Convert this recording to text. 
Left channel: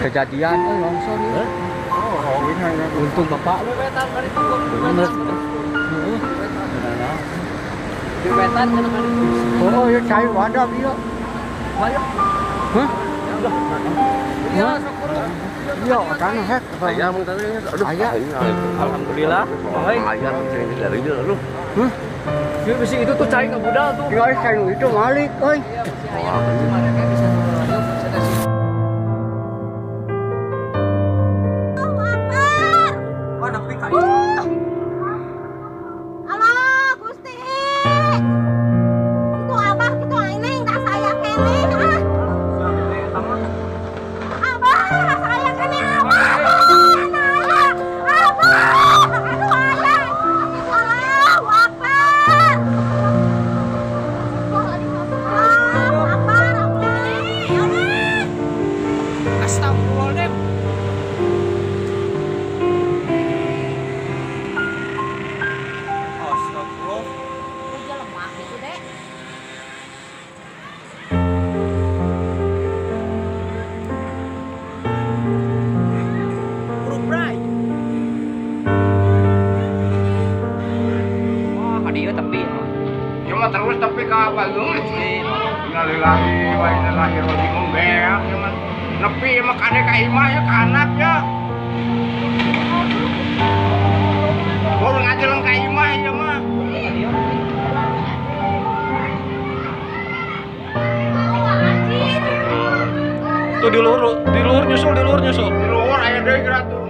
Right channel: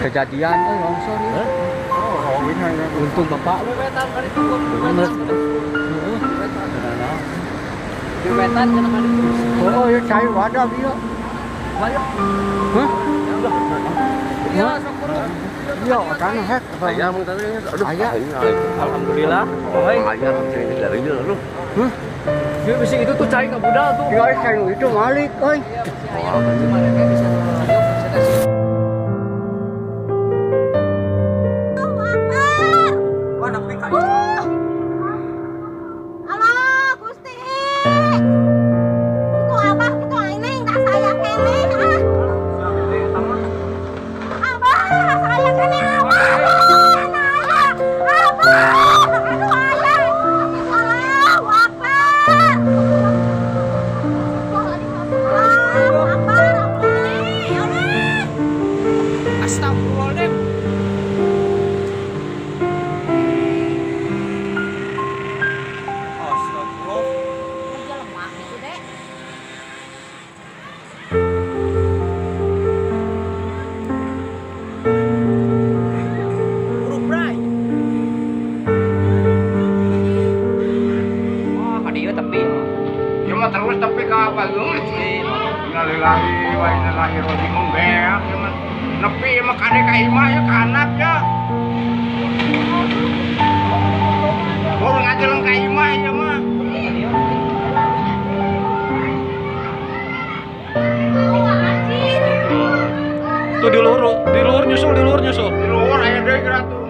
kejadian longsor ya. Oh, ini hanya Untung bapak lu Wetan kali itu. bener. Wetan kan kali itu. oh ya cai wadah dia. Banyak. Hah? Iya, syukur. Iya, kan hek. Ayah mau tadi aduh. Ayah. Alhamdulillah. Oh, Ayah sini dari dia lu. Hah? dia bisi itu tuh cai nggak budal tuh. Tinggal cai itu malik, euy. Halo, Gusti. Itu abah, itu ini nggak saya kene. Abah, saya kene abah. Abah. Aduh, ayah. Allahu Akbar. Allahu Akbar. Astagfirullahaladzim. Astagfirullah. Dia lemah gitu, Dek. Buruk bray. Wah, kadieu tapi Ya mah terus tapi ka apa geus. Innalillahi wa inna ilaihi raji'un beak ya mah. Nepi mah kade ka imah ya kanap ya. Baru ngajeleng ka imah ya mah. tuh di luhur nyusul. Di luar aya deui geura tuh.